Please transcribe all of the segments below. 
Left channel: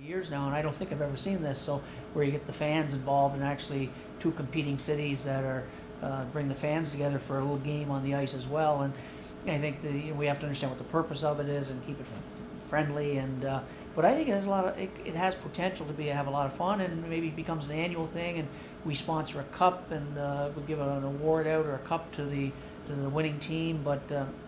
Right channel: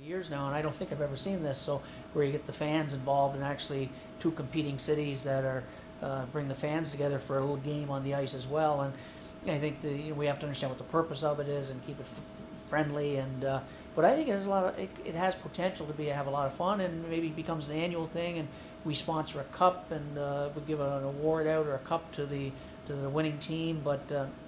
Years now, and I don't think I've ever seen this. So where you get the fans involved and actually two competing cities that are bring the fans together for a little game on the ice as well. And I think we have to understand what the purpose of it is and keep it friendly. And but I think it has a lot of it has potential to have a lot of fun, and maybe it becomes an annual thing. And we sponsor a cup, and we'll give an award out or a cup to the winning team. But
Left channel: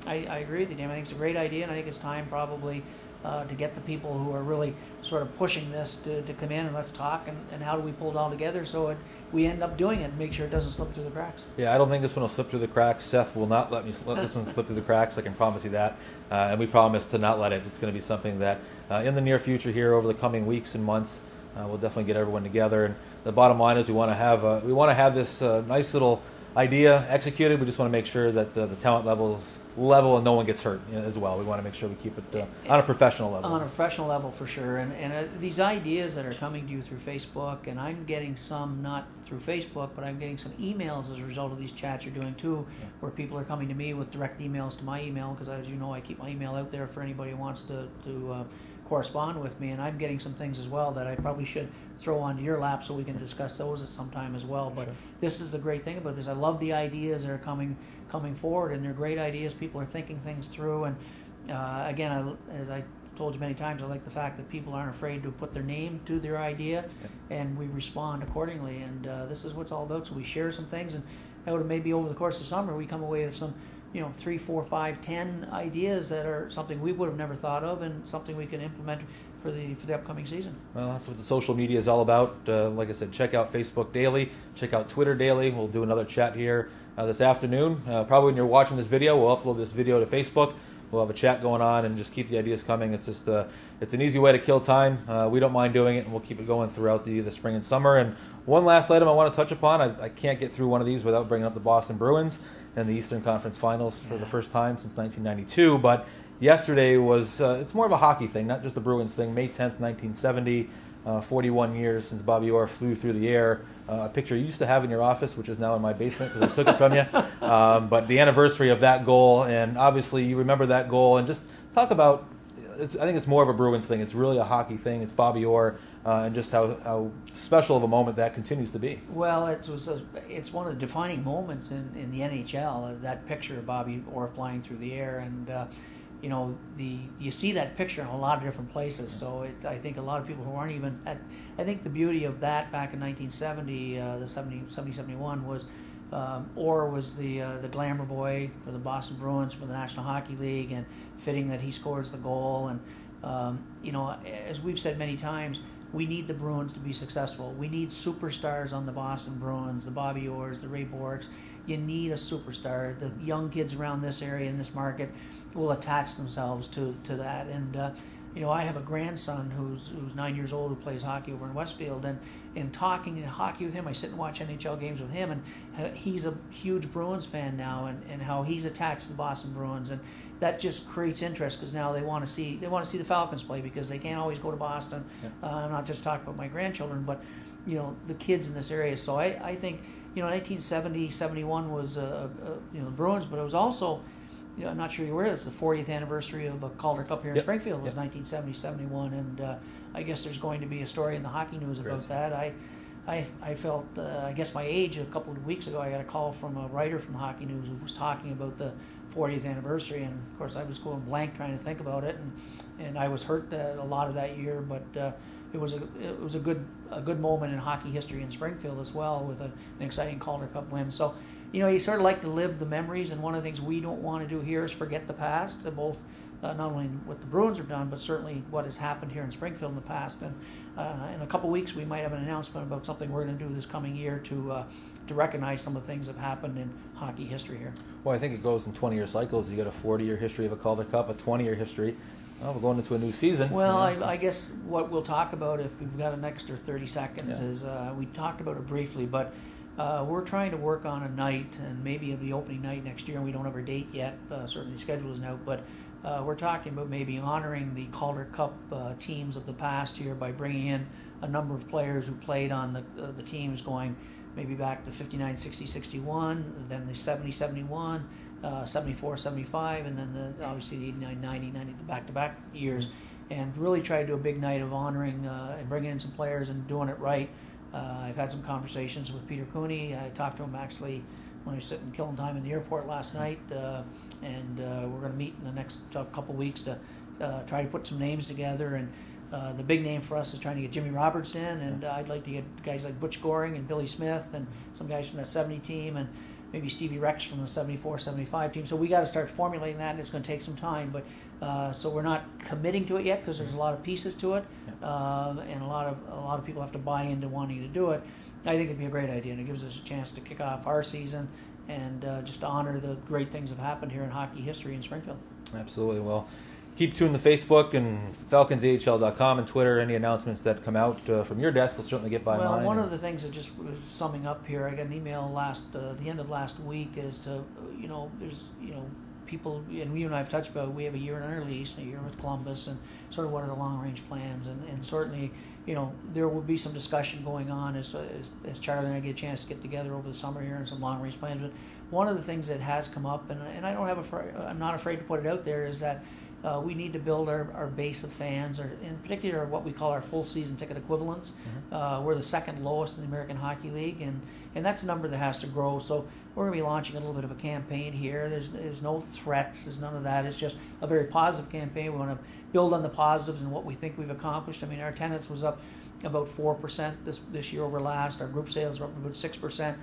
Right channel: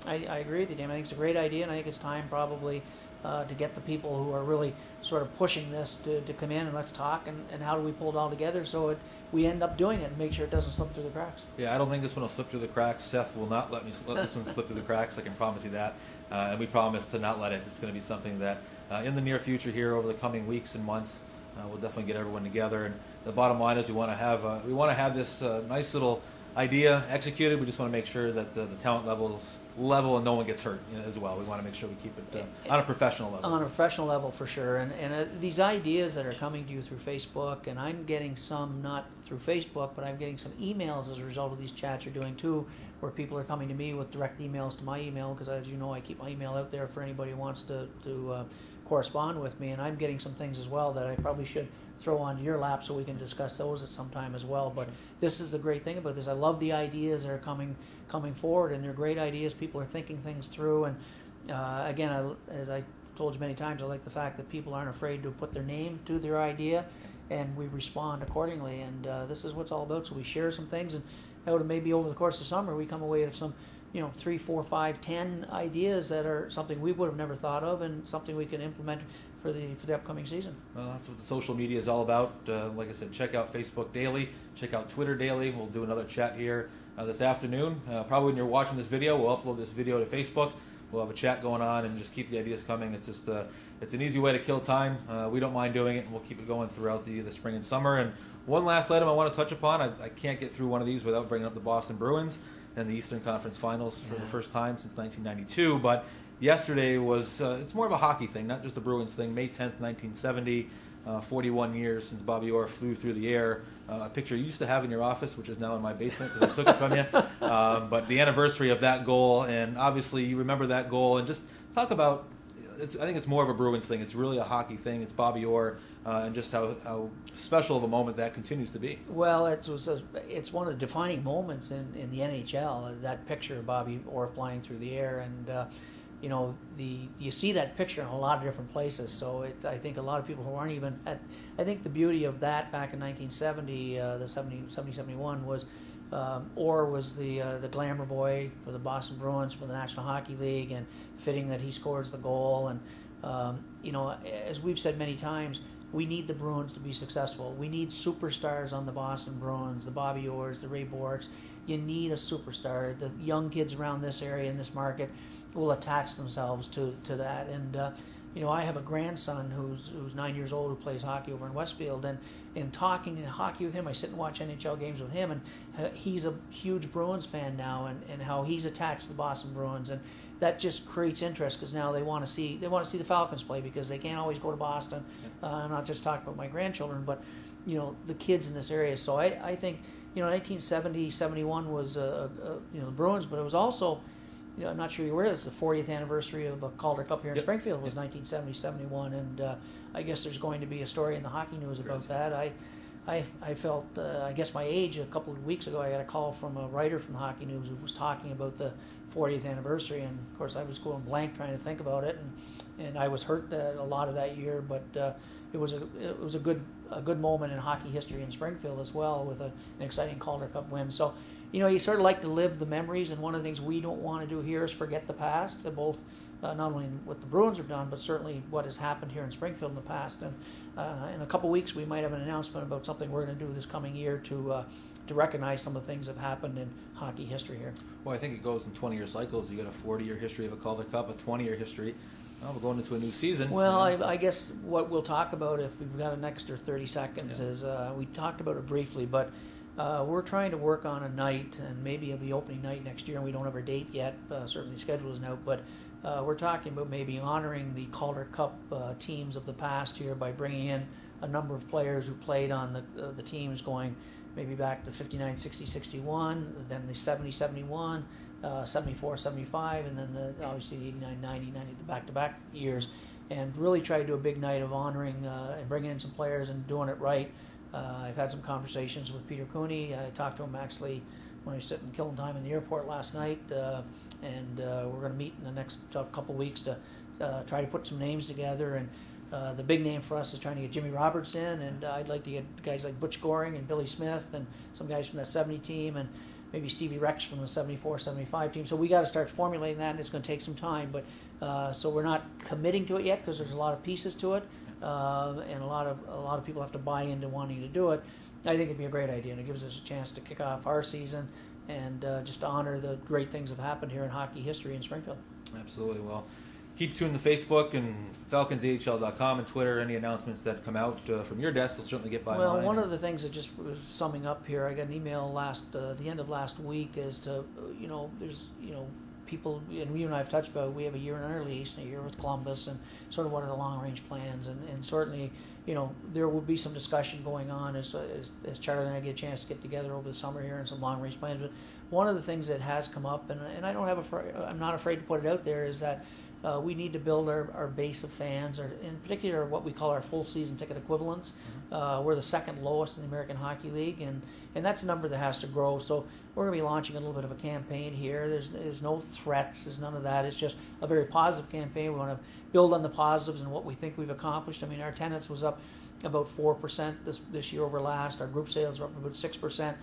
I agree with you, Dan. I think it's a great idea, and I think it's time probably to get the people who are really sort of pushing this to come in and let's talk and how do we pull it all together so we end up doing it and make sure it doesn't slip through the cracks. Yeah, I don't think this one will slip through the cracks. Seth will not let this one slip through the cracks. I can promise you that. And we promise to not let it. It's going to be something that in the near future here over the coming weeks and months, we'll definitely get everyone together. And the bottom line is we want to have this nice little idea executed. We just want to make sure that the talent level is level and no one gets hurt as well. We want to make sure we keep it on a professional level. On a professional level, for sure. And these ideas that are coming to you through Facebook, and I'm getting some not through Facebook, but I'm getting some emails as a result of these chats you're doing too, where people are coming to me with direct emails to my email, because as you know, I keep my email out there for anybody who wants to correspond with me, and I'm getting some things as well that I probably should throw onto your lap so we can discuss those at some time as well. But this is the great thing about this. I love the ideas that are coming forward, and they're great ideas. People are thinking things through, and again, as I told you many times, I like the fact that people aren't afraid to put their name to their idea, and we respond accordingly. And this is what it's all about. So we share some things, and maybe over the course of summer we come away with some 3, 4, 5, 10 ideas that are something we would have never thought of, and something we can implement for the upcoming season. Well, that's what the social media is all about. Like I said, check out Facebook daily, check out Twitter daily. We'll do another chat here this afternoon. Probably when you're watching this video, we'll upload this video to Facebook. We'll have a chat going on and just keep the ideas coming. It's just it's an easy way to kill time. We don't mind doing it, and we'll keep it going throughout the spring and summer. And one last item I want to touch upon. I can't get through one of these without bringing up the Boston Bruins and the Eastern Conference Finals for the first time since 1992. But yesterday was, it's more of a hockey thing, not just a Bruins thing. May 10th, 1970, 41 years since Bobby Orr flew through the air. A picture you used to have in your office, which is now in my basement because I took it from you. But the anniversary of that goal, and obviously you remember that goal, and just talk about, I think it's more of a Bruins thing. It's really a hockey thing. It's Bobby Orr, and just how special of a moment that continues to be. Well, it's one of the defining moments in the NHL, that picture of Bobby Orr flying through the air. And you see that picture in a lot of different places. So I think a lot of people who aren't even I think the beauty of that back in 1970, the 70-71 was Orr was the glamour boy for the Boston Bruins for the National Hockey League, and fitting that he scores the goal. And as we've said many times, we need the Bruins to be successful. We need superstars on the Boston Bruins, the Bobby Orrs, the Ray Borks. You need a superstar. The young kids around this area in this market will attach themselves to that. And I have a grandson who's 9 years old who plays hockey over in Westfield, and in talking hockey with him, I sit and watch NHL games with him, and he's a huge Bruins fan now, and how he's attached to the Boston Bruins, and that just creates interest because now they want to see the Falcons play, because they can't always go to Boston. I'm not just talking about my grandchildren, but the kids in this area. So I think 1970-71 was the Bruins, but it was also, I'm not sure you're aware, it's the 40th anniversary of the Calder Cup here in Springfield. Was 1970-71, and I guess there's going to be a story in the Hockey News about that. I felt, I guess my age, a couple of weeks ago, I got a call from a writer from Hockey News who was talking about the 40th anniversary, and of course I was going blank trying to think about it, and I was hurt a lot of that year, but it was a good moment in hockey history in Springfield as well, with an exciting Calder Cup win. So you sort of like to live the memories, and one of the things we don't want to do here is forget the past, both not only what the Bruins have done, but certainly what has happened here in Springfield in the past. And in a couple of weeks, we might have an announcement about something we're going to do this coming year to recognize some of the things that have happened in hockey history here. Well, I think it goes in 20-year cycles. You got a 40-year history of a Calder Cup, a 20-year history. Well, we're going into a new season. Well, I guess what we'll talk about, if we've got an extra 30 seconds, is we talked about it briefly, but we're trying to work on a night, and maybe it'll be opening night next year, and we don't have our date yet. Certainly the schedule isn't out, but we're talking about maybe honoring the Calder Cup teams of the past here by bringing in a number of players who played on the teams going maybe back to 59, 60, 61, then the 70, 71, 74, 75, and then obviously the 89, 90, 90, the back-to-back years. and really try to do a big night of honoring and bringing in some players and doing it right. I've had some conversations with Peter Cooney. I talked to him actually when I was sitting killing time in the airport last night, and we're going to meet in the next couple weeks to try to put some names together. And the big name for us is trying to get Jimmy Roberts in, and I'd like to get guys like Butch Goring and Billy Smith and some guys from that 70 team, and maybe Stevie Rex from the 74, 75 team. So we got to start formulating that, and it's going to take some time. But so we're not committing to it yet because there's a lot of pieces to it, and a lot of people have to buy into wanting to do it. I think it'd be a great idea, and it gives us a chance to kick off our season and just to honor the great things that have happened here in hockey history in Springfield. Absolutely. Well, keep tuned to Facebook and FalconsAHL.com and Twitter. Any announcements that come out from your desk will certainly get by mine. Well, one of the things that just was summing up here, I got an email the end of last week as to, there's, people, and you and I have touched about, we have a year in our lease and a year with Columbus, and sort of what are the long-range plans, and certainly, there will be some discussion going on as Charlie and I get a chance to get together over the summer here and some long-range plans. But one of the things that has come up, and I'm not afraid to put it out there, is that we need to build our base of fans, or in particular what we call our full season ticket equivalents. We're the second lowest in the American Hockey League, and that's a number that has to grow. So we're going to be launching a little bit of a campaign here. There's no threats, there's none of that. It's just a very positive campaign. We want to build on the positives and what we think we've accomplished. I mean, our attendance was up about 4% this year over last. Our group sales were up about 6%.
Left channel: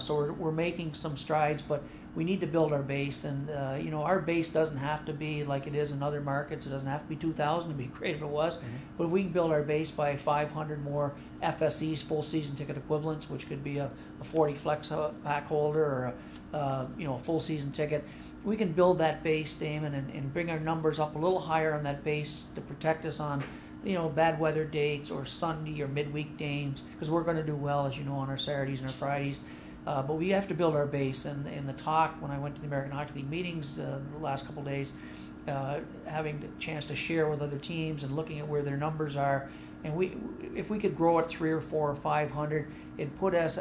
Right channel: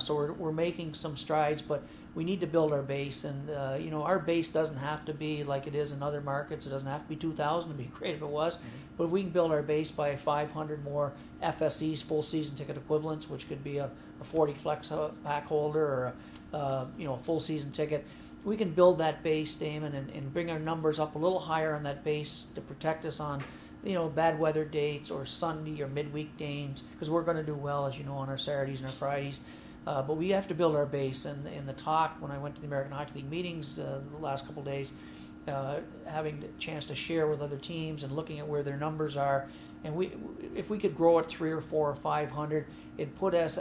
So we're making some strides, but we need to build our base, and our base doesn't have to be like it is in other markets. It doesn't have to be 2,000. It'd be great if it was, but if we can build our base by 500 more FSEs, full season ticket equivalents, which could be a 40 flex pack holder or a full season ticket, we can build that base, Damon, and bring our numbers up a little higher on that base to protect us on bad weather dates or Sunday or midweek games, because we're going to do well, as you know, on our Saturdays and our Fridays. But we have to build our base, and the talk when I went to the American Hockey League meetings the last couple of days, having the chance to share with other teams and looking at where their numbers are, and if we could grow at 300 or 400 or 500, it'd put us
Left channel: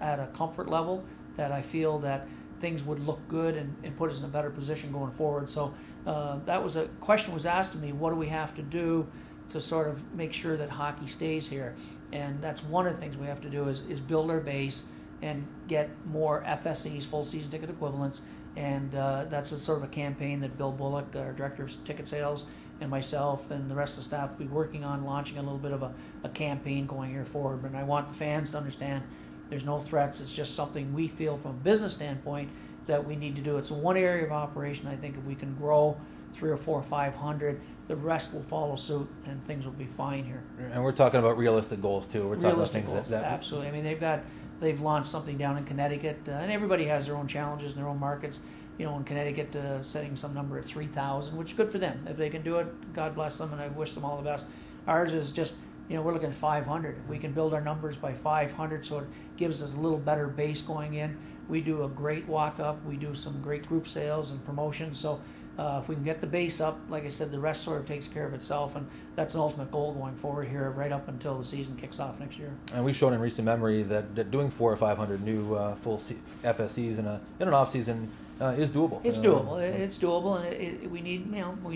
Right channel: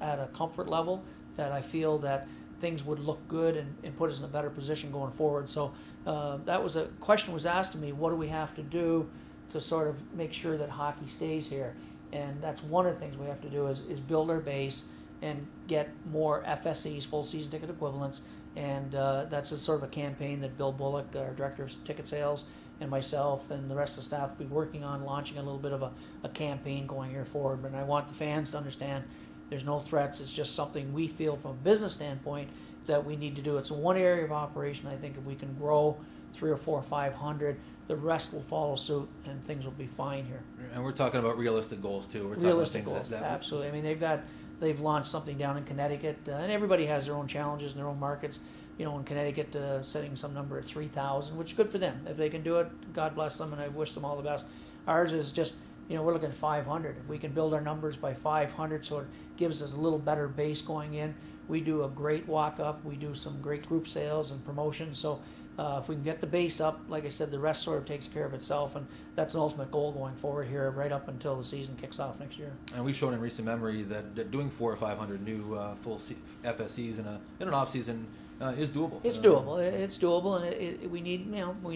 at a comfort level that I feel that things would look good and put us in a better position going forward. So that was a question was asked to me: what do we have to do to sort of make sure that hockey stays here? And that's one of the things we have to do is build our base and get more FSEs, full season ticket equivalents, and that's a sort of a campaign that Bill Bullock, our director of ticket sales, and myself and the rest of the staff will be working on launching a little bit of a campaign going here forward. But I want the fans to understand there's no threats. It's just something we feel from a business standpoint that we need to do. It's one area of operation. I think if we can grow 300 or 400 or 500, the rest will follow suit, and things will be fine here. And we're talking about realistic goals too. We're talking realistic about things goals, absolutely. I mean, they've launched something down in Connecticut, and everybody has their own challenges in their own markets. In Connecticut, setting some number at 3,000, which is good for them. If they can do it, God bless them, and I wish them all the best. Ours is just, we're looking at 500. If we can build our numbers by 500, so it gives us a little better base going in. We do a great walk-up. We do some great group sales and promotions. So if we can get the base up, like I said, the rest sort of takes care of itself, and that's an ultimate goal going forward here, right up until the season kicks off next year. And we've shown in recent memory that doing 400 or 500 new full FSEs in an off season is doable. It's doable. It's doable, and we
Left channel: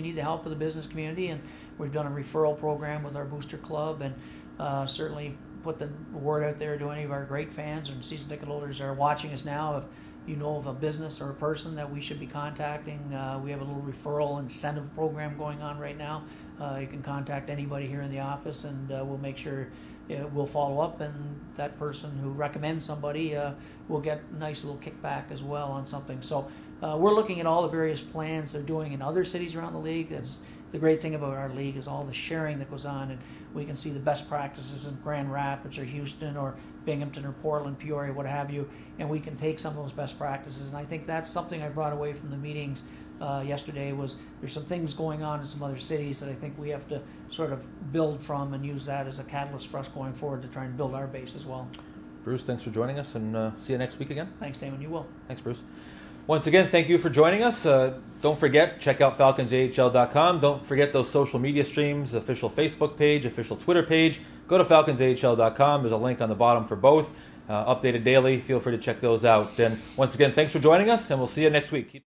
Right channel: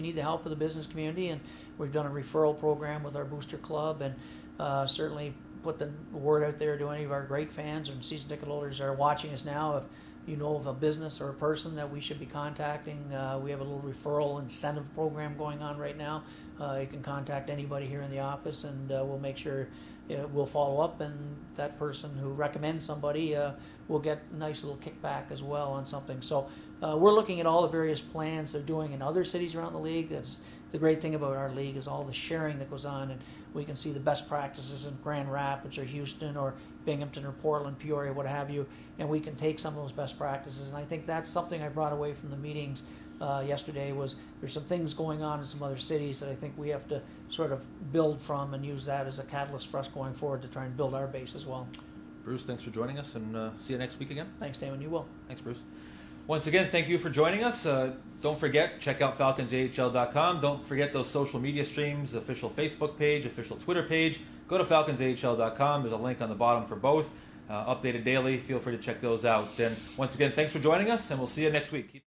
need the help of the business community, and we've done a referral program with our booster club, and certainly put the word out there to any of our great fans and season ticket holders that are watching us now. If you know of a business or a person that we should be contacting, we have a little referral incentive program going on right now. You can contact anybody here in the office, and we'll make sure we'll follow up, and that person who recommends somebody will get a nice little kickback as well on something. So we're looking at all the various plans they're doing in other cities around the league. The great thing about our league is all the sharing that goes on, and we can see the best practices in Grand Rapids or Houston or Binghamton or Portland, Peoria, what have you, and we can take some of those best practices. And I think that's something I brought away from the meetings yesterday, was there's some things going on in some other cities that I think we have to sort of build from and use that as a catalyst for us going forward to try and build our base as well. Bruce, thanks for joining us, and see you next week again. Thanks, Damon. You will. Thanks, Bruce. Once again, thank you for joining us. Don't forget, check out FalconsAHL.com. Don't forget those social media streams, official Facebook page, official Twitter page. Go to FalconsAHL.com. There's a link on the bottom for both. Updated daily. Feel free to check those out. And once again, thanks for joining us, and we'll see you next week.